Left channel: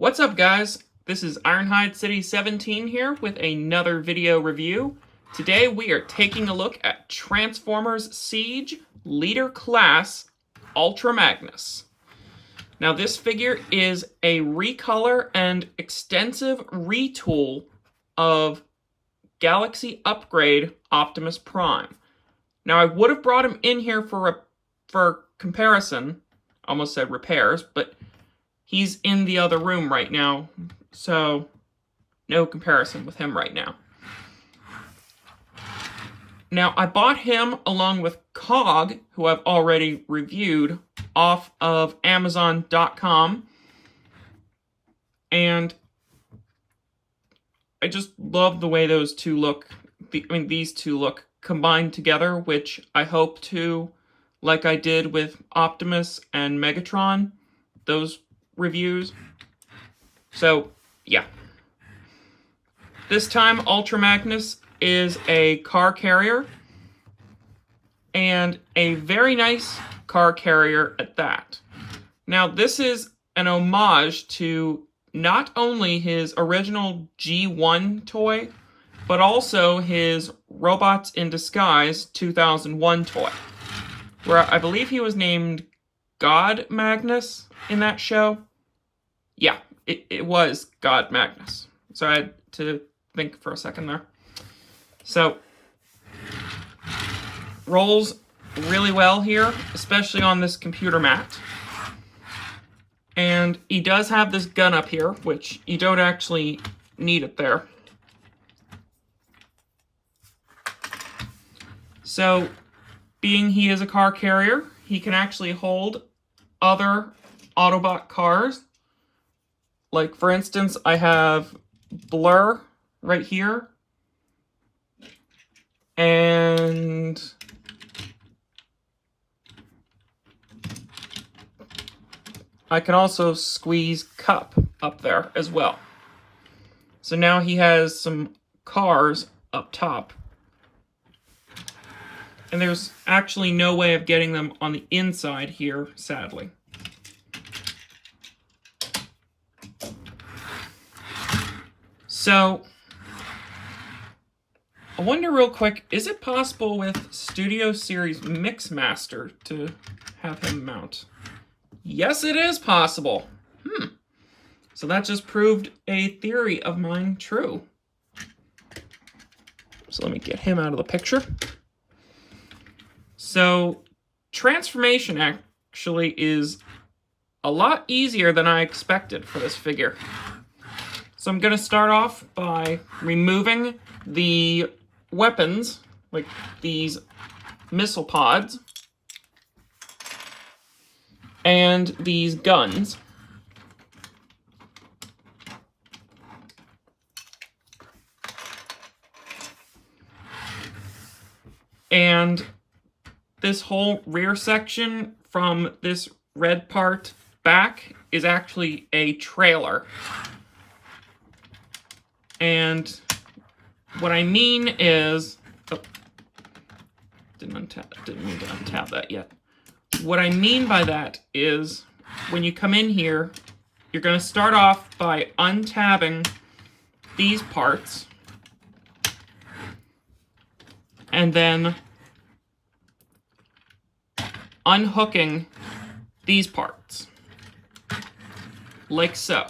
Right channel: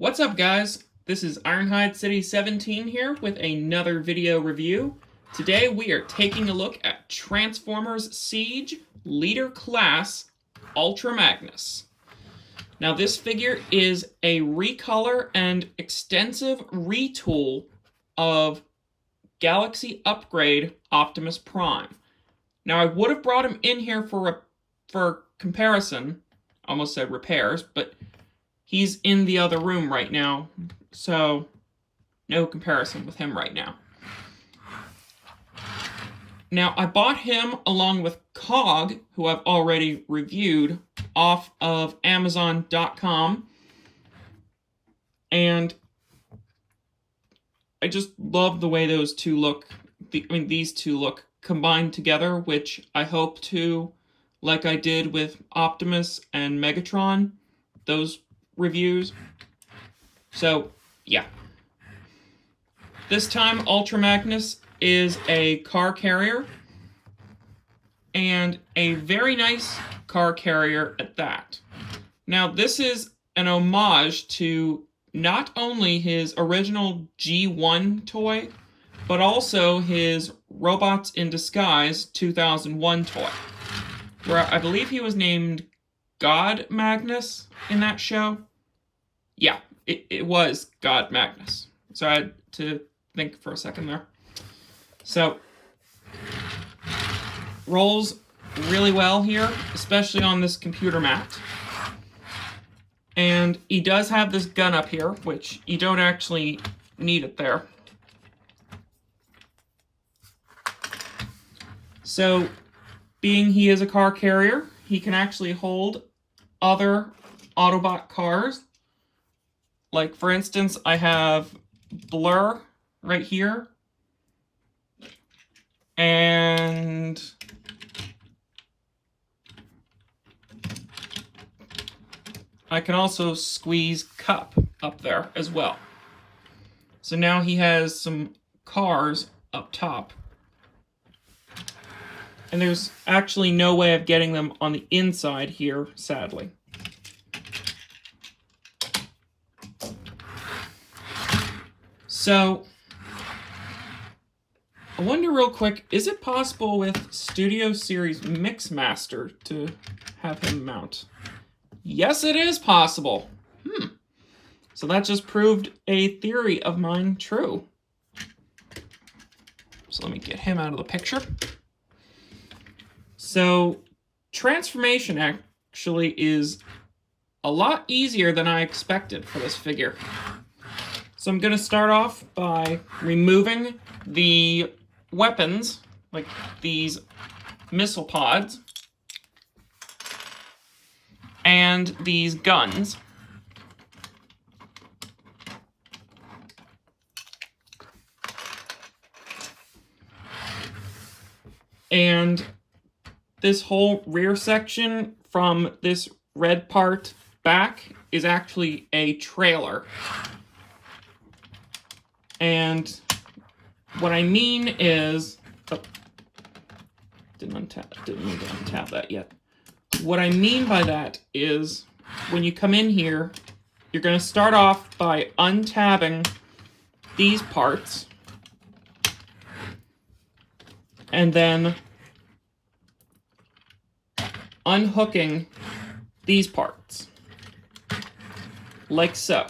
What's up, guys? This is Ironhide City 17 here with another video review. Today we are taking a look at Transformers Siege Leader Class Ultra Magnus. Now this figure is a recolor and extensive retool of Galaxy Upgrade Optimus Prime. Now I would have brought him in here for comparison, almost said repairs, but he's in the other room right now, so no comparison with him right now. Now, I bought him along with Cog, who I've already reviewed, off of Amazon.com. And I just love the way those two look. These two look combined together, which I hope to, like I did with Optimus and Megatron, those reviews. So, yeah. This time, Ultra Magnus is a car carrier, and a very nice car carrier at that. Now, this is an homage to not only his original G1 toy, but also his Robots in Disguise 2001 toy, where I believe he was named God Magnus in that show. Yeah, it was God Magnus. So I had to think for a second there. So, rolls really well here, especially on this computer mat. And he does have this gun up here, which you don't actually need it there. So, being he is a car carrier, he can actually hold other Autobot cars. Like, for instance, I have Blur right here. And I can also squeeze Cup up there as well. So now he has some cars up top. And there's actually no way of getting them on the inside here, sadly. So, I wonder real quick, is it possible with Studio Series Mixmaster to have him mount? Yes, it is possible. So that just proved a theory of mine true. So let me get him out of the picture. So, transformation actually is a lot easier than I expected for this figure. So I'm going to start off by removing the weapons, like these missile pods, and these guns. And this whole rear section from this red part back is actually a trailer. And what I mean is, didn't mean to untap that yet. What I mean by that is, when you come in here, you're going to start off by untabbing these parts, and then unhooking these parts, like so.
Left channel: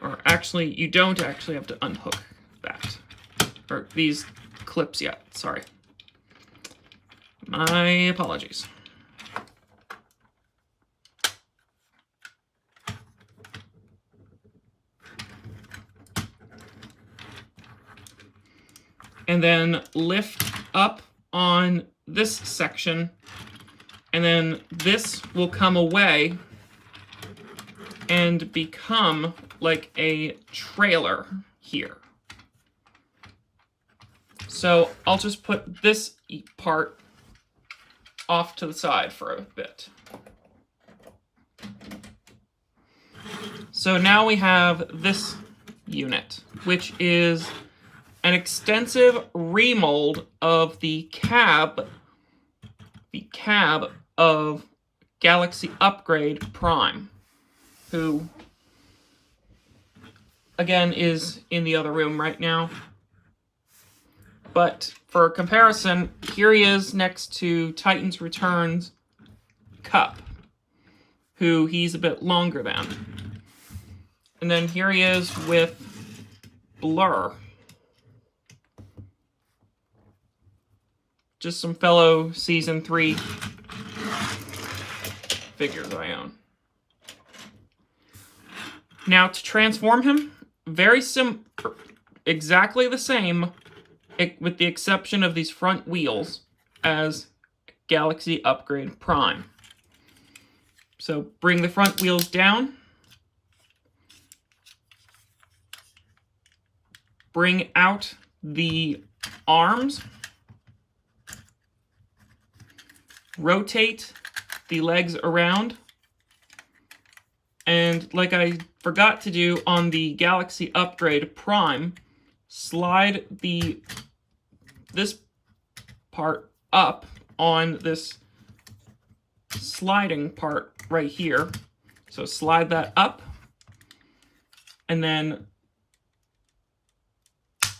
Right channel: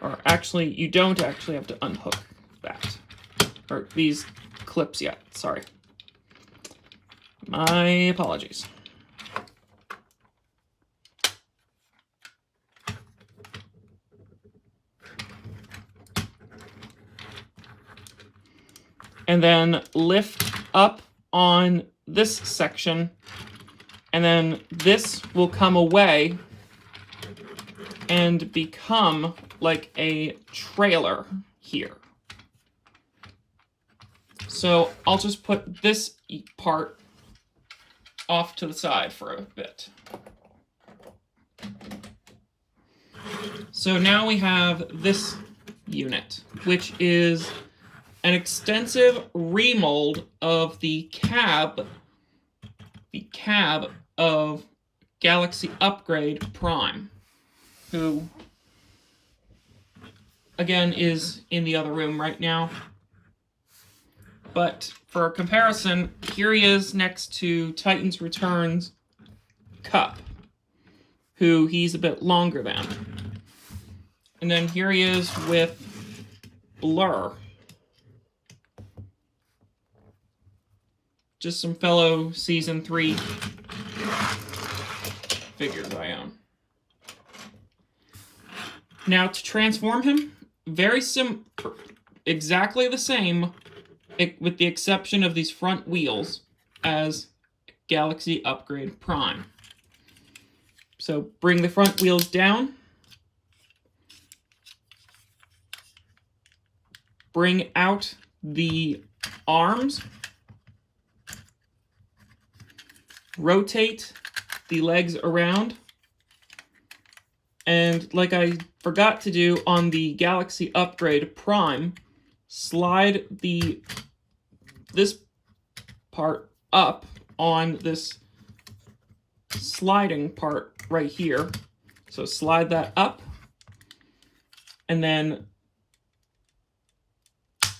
Or actually, you don't actually have to unhook that. Or these clips yet, sorry. My apologies. And then lift up on this section, and then this will come away and become like a trailer here. So I'll just put this part off to the side for a bit. So now we have this unit, which is an extensive remold of the cab of Galaxy Upgrade Prime, who again, is in the other room right now. But for comparison, here he is next to Titans Returns Cup, who he's a bit longer than. And then here he is with Blur. Just some fellow Season 3 figures I own. Now, to transform him, exactly the same, with the exception of these front wheels, as Galaxy Upgrade Prime. So bring the front wheels down. Bring out the arms. Rotate the legs around. And like I forgot to do on the Galaxy Upgrade Prime, slide this part up on this sliding part right here. So slide that up, and then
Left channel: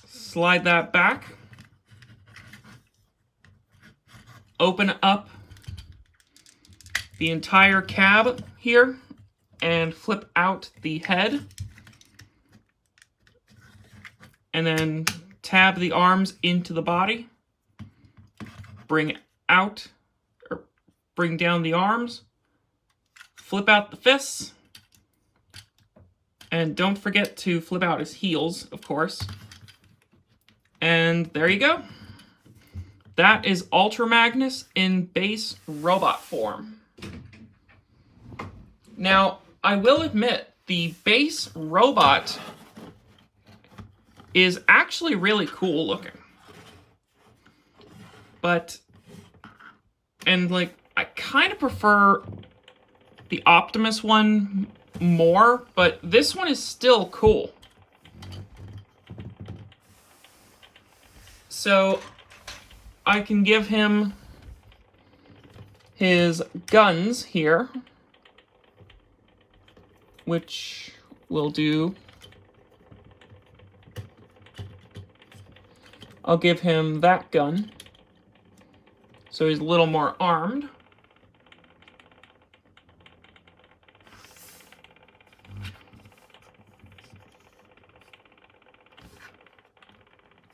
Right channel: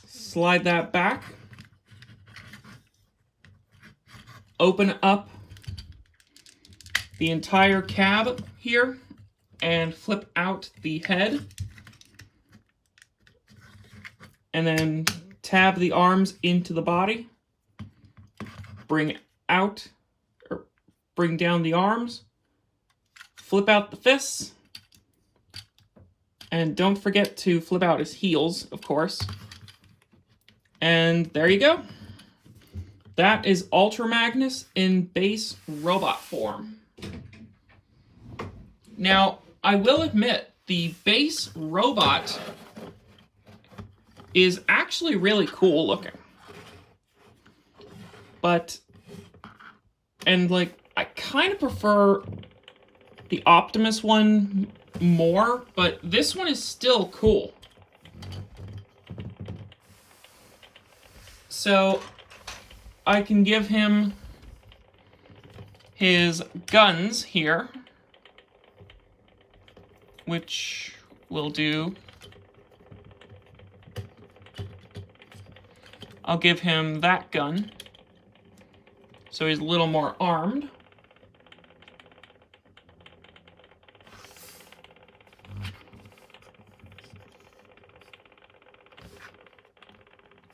slide that back. Open up the entire cab here and flip out the head. And then tab the arms into the body. Bring down the arms. Flip out the fists. And don't forget to flip out his heels, of course. And there you go. That is Ultra Magnus in base robot form. Now, I will admit, the base robot is actually really cool looking. I kind of prefer the Optimus one more, but this one is still cool. So I can give him his guns here, which will do. I'll give him that gun, so he's a little more armed.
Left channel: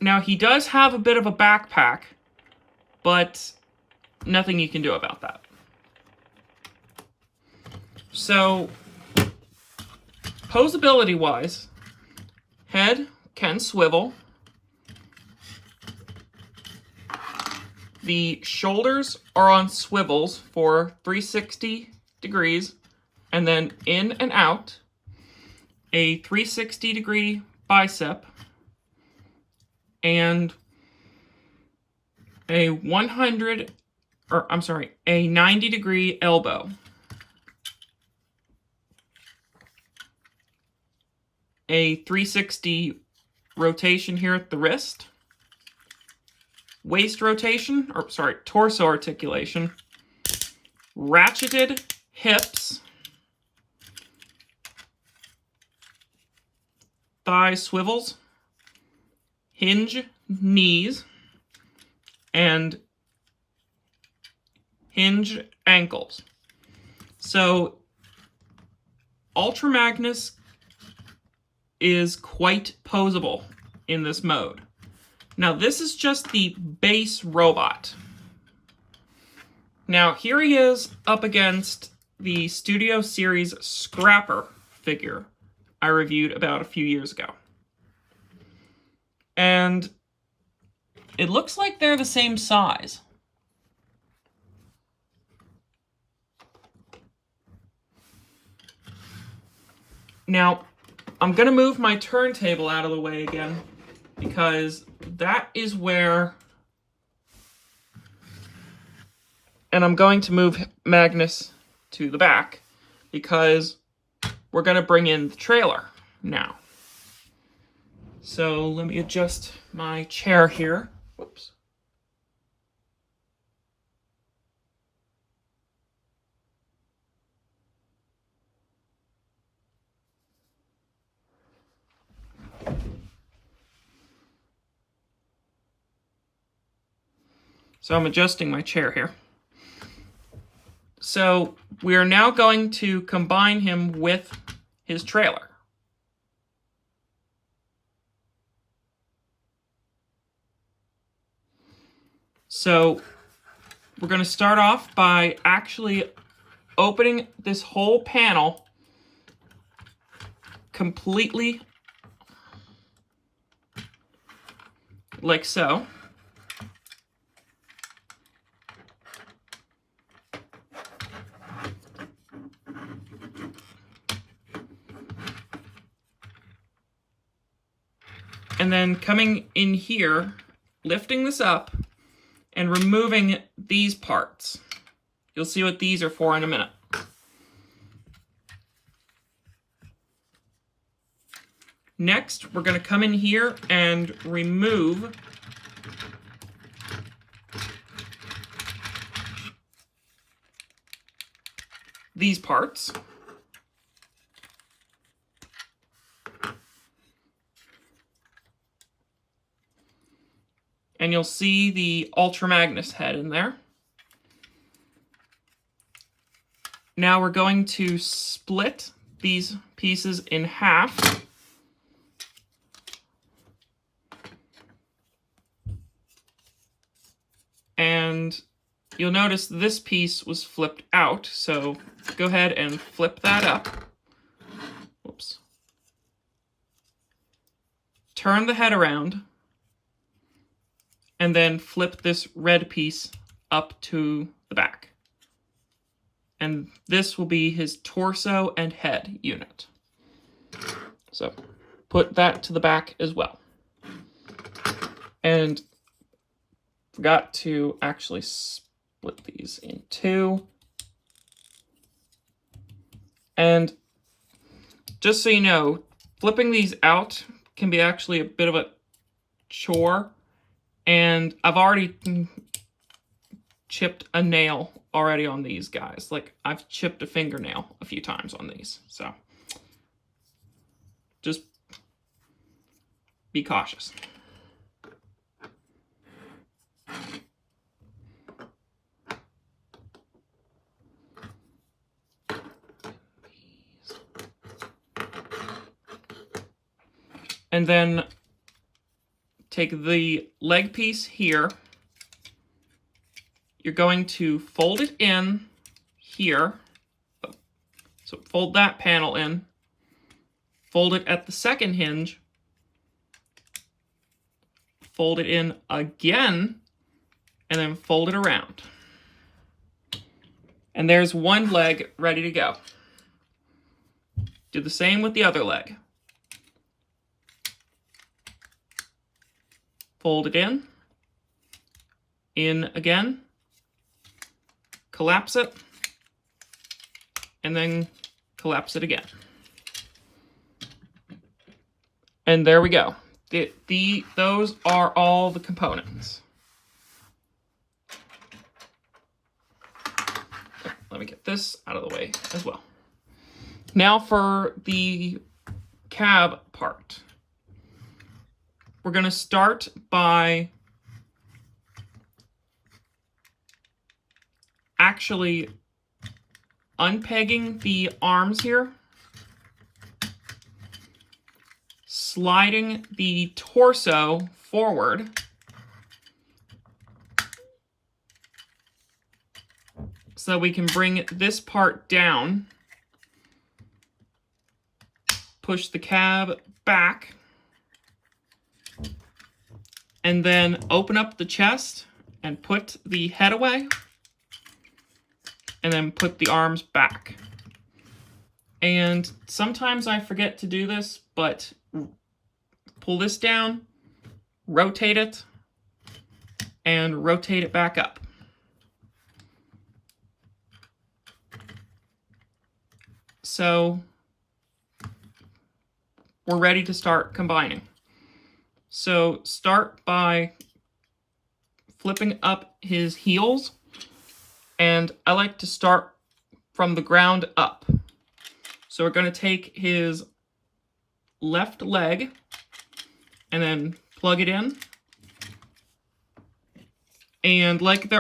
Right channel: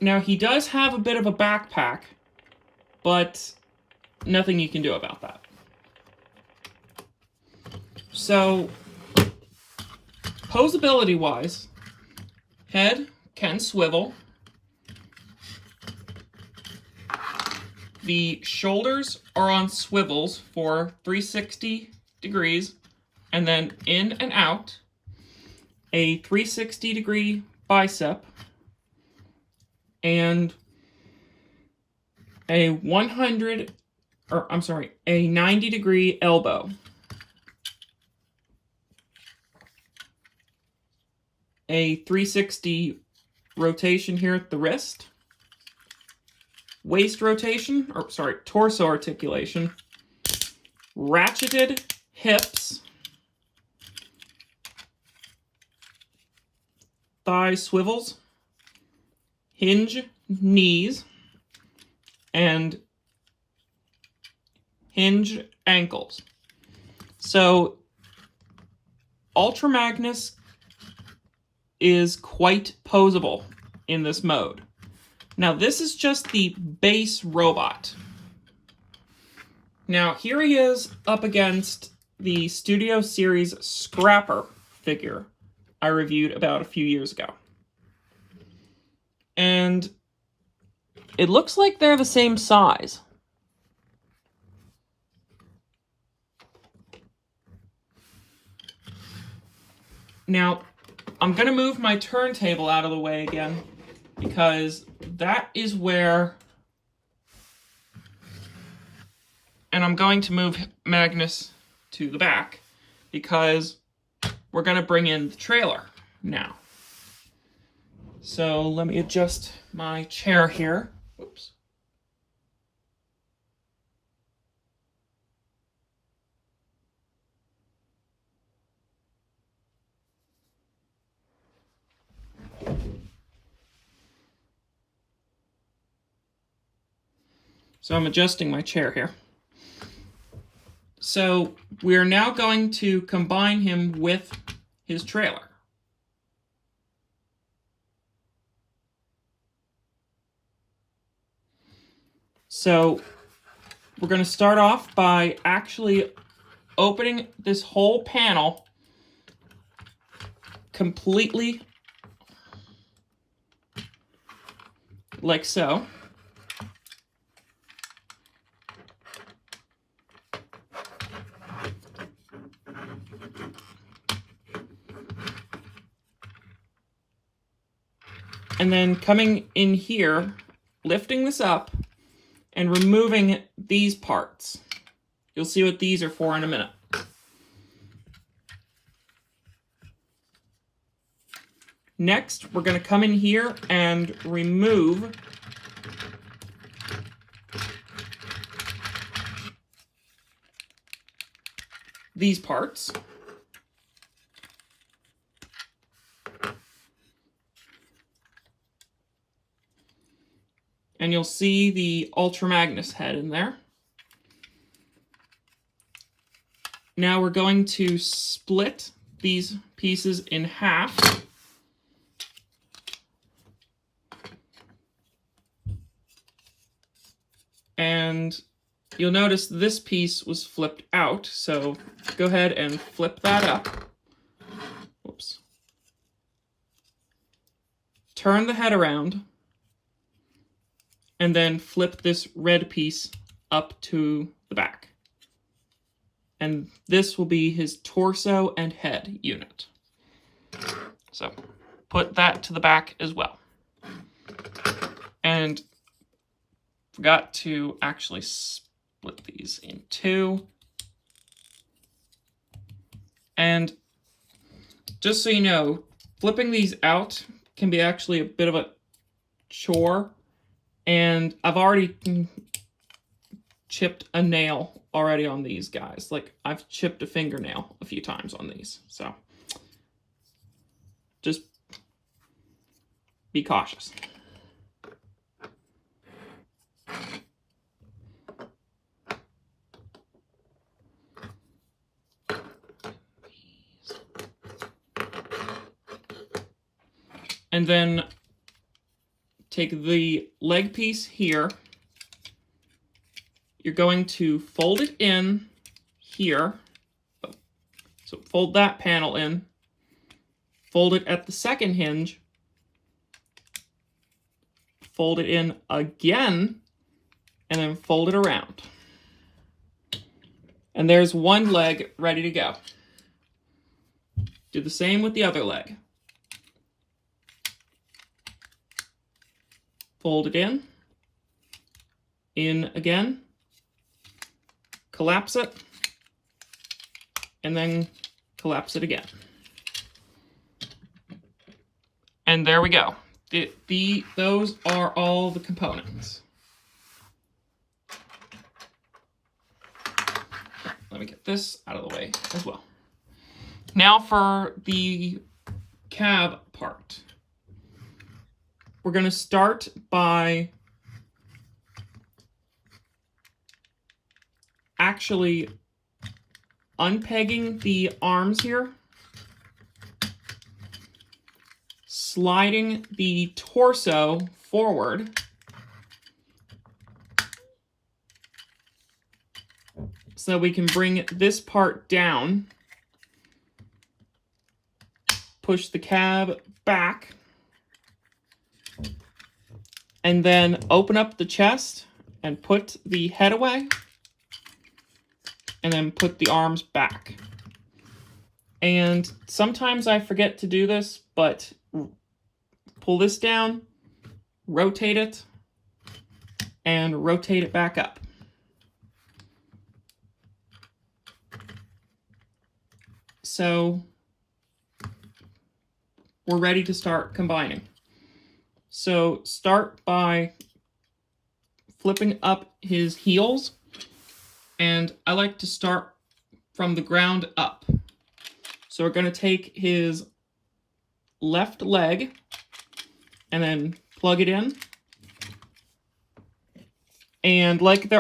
Now, he does have a bit of a backpack, but nothing you can do about that. So, posability-wise, head can swivel. The shoulders are on swivels for 360 degrees, and then in and out, a 360-degree bicep, and a 90-degree elbow. A 360 rotation here at the wrist. Torso articulation. Ratcheted hips. Thigh swivels. Hinge knees. And hinge ankles. So, Ultra Magnus is quite posable in this mode. Now, this is just the base robot. Now, here he is up against the Studio Series Scrapper figure I reviewed about a few years ago. And it looks like they're the same size. Now, I'm going to move my turntable out of the way again, because that is where... And I'm going to move Magnus to the back, because we're going to bring in the trailer now. So let me adjust my chair here. Whoops. So I'm adjusting my chair here. So we are now going to combine him with his trailer. So we're going to start off by actually opening this whole panel completely, like so. And then coming in here, lifting this up, and removing these parts. You'll see what these are for in a minute. Next, we're going to come in here and remove these parts. And you'll see the Ultra Magnus head in there. Now we're going to split these pieces in half. And you'll notice this piece was flipped out, so go ahead and flip that up. Whoops. Turn the head around, and then flip this red piece up to the back. And this will be his torso and head unit. So put that to the back as well. And forgot to actually split these in two. And just so you know, flipping these out can be actually a bit of a chore. And I've already chipped a nail already on these guys. Like, I've chipped a fingernail a few times on these. So just be cautious. And then take the leg piece here. You're going to fold it in here. So fold that panel in. Fold it at the second hinge. Fold it in again, and then fold it around. And there's one leg ready to go. Do the same with the other leg. Fold it in again, collapse it, and then collapse it again. And there we go. Those are all the components. Let me get this out of the way as well. Now for the cab part. We're going to start by actually unpegging the arms here, sliding the torso forward, so we can bring this part down, push the cab back, and then open up the chest and put the head away, and then put the arms back. And sometimes I forget to do this, but pull this down, rotate it, and rotate it back up. So we're ready to start combining. So start by flipping up his heels, and I like to start from the ground up. So we're going to take his left leg and then plug it in, And like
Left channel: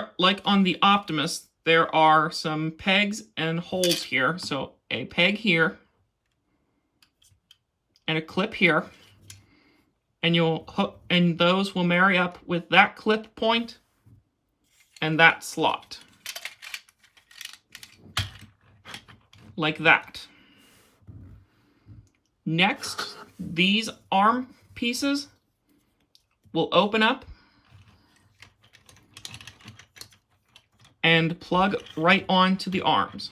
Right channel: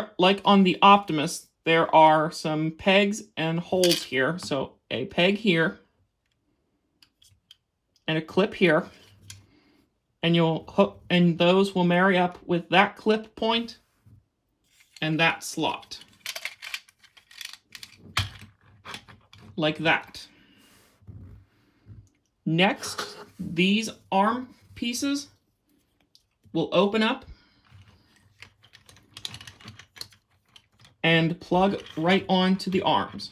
on the Optimus, there are some pegs and holes here. So a peg here and a clip here. And you'll hook, and those will marry up with that clip point and that slot. Like that. Next, these arm pieces will open up and plug right onto the arms.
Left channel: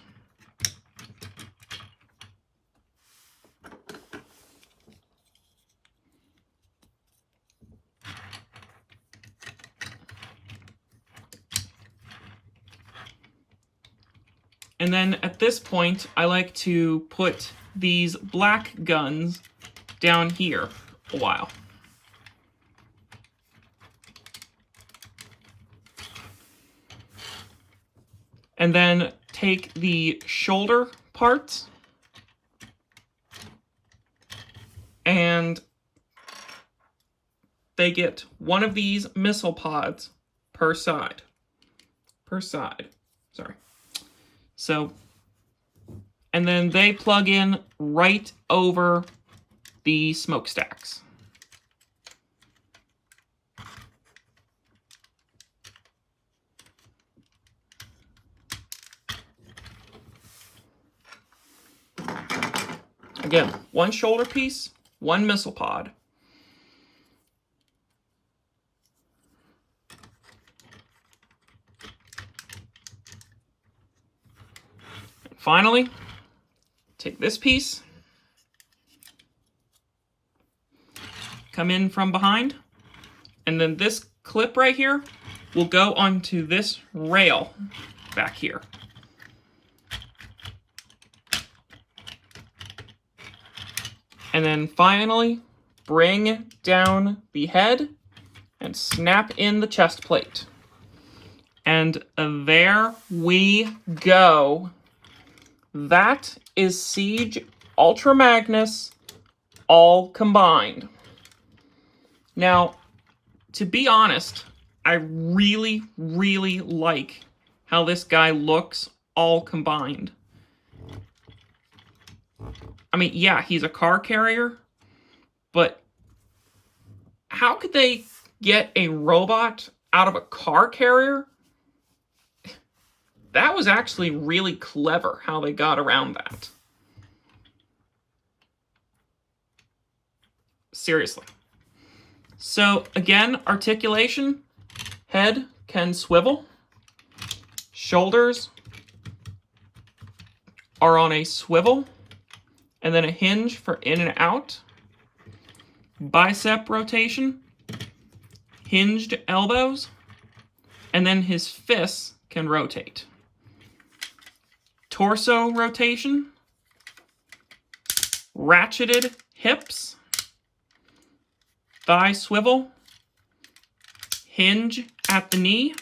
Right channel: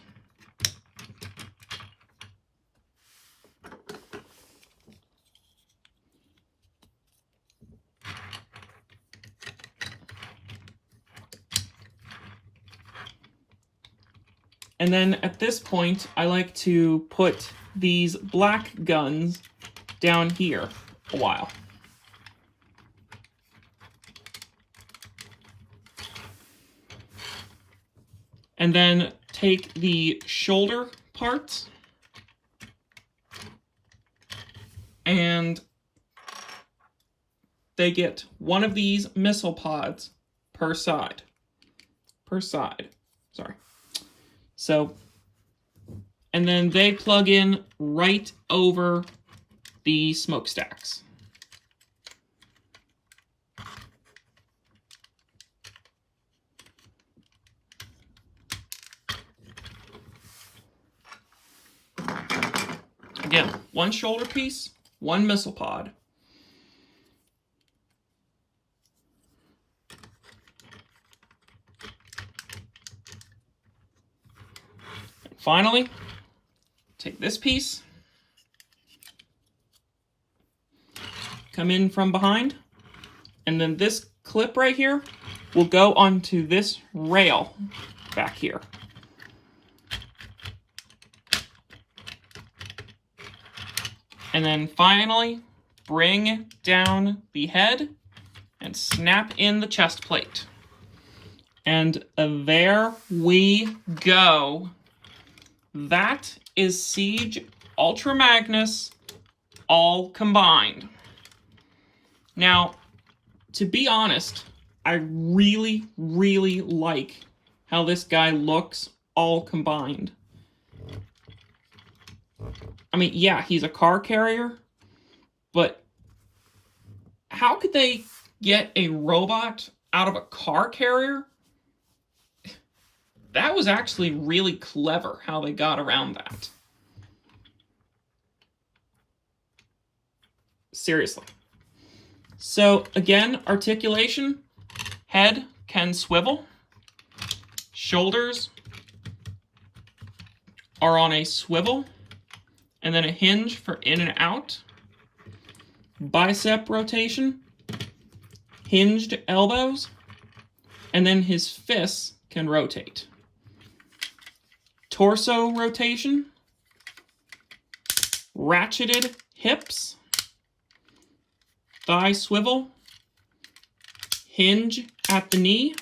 And then at this point, I like to put these black guns down here a while. And then take the shoulder parts and they get one of these missile pods per side. Sorry. So, and then they plug in right over the smokestacks. Again, one shoulder piece, one missile pod. Finally, take this piece, come in from behind, and then this clip right here will go onto this rail back here. And then finally, bring down the head and snap in the chest plate. And there we go. That is Siege Ultra Magnus all combined. Now, to be honest, I really, really like how this guy looks all combined. I mean, yeah, he's a car carrier, but how could they get a robot out of a car carrier? That was actually really clever how they got around that. Seriously. So again, articulation, head can swivel, shoulders are on a swivel, and then a hinge for in and out, bicep rotation, hinged elbows, and then his fists can rotate. Torso rotation, ratcheted hips, thigh swivel, hinge at the knee,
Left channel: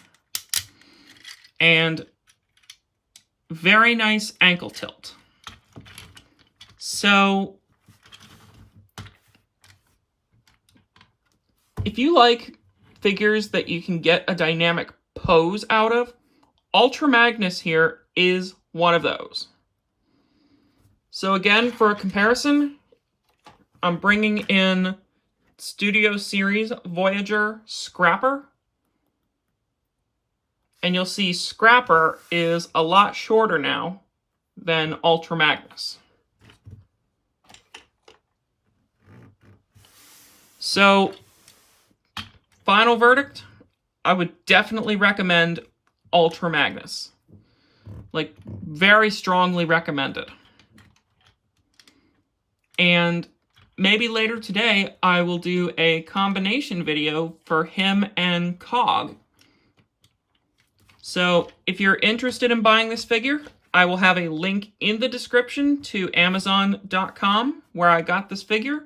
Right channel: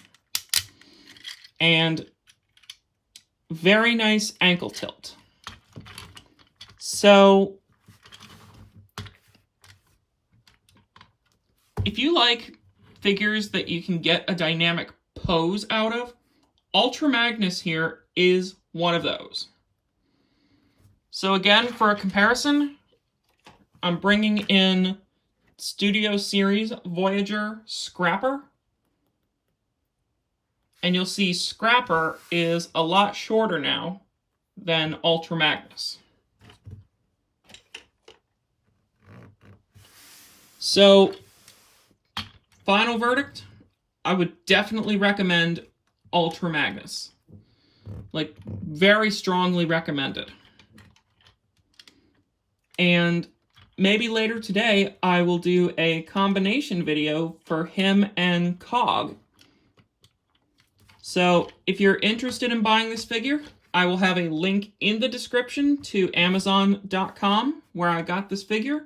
and very nice ankle tilt. So, if you like figures that you can get a dynamic pose out of, Ultra Magnus here is one of those. So again, for a comparison, I'm bringing in Studio Series Voyager Scrapper. And you'll see Scrapper is a lot shorter now than Ultra Magnus. So, final verdict, I would definitely recommend Ultra Magnus. Like, very strongly recommended. And maybe later today, I will do a combination video for him and Cog. So, if you're interested in buying this figure, I will have a link in the description to Amazon.com where I got this figure.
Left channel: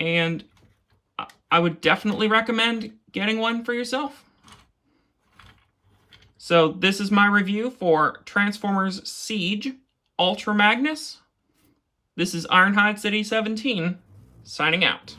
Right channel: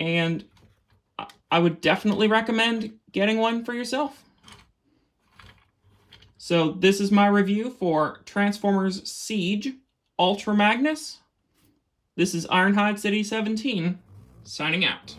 And I would definitely recommend getting one for yourself. So this is my review for Transformers Siege Ultra Magnus. This is Ironhide City 17, signing out.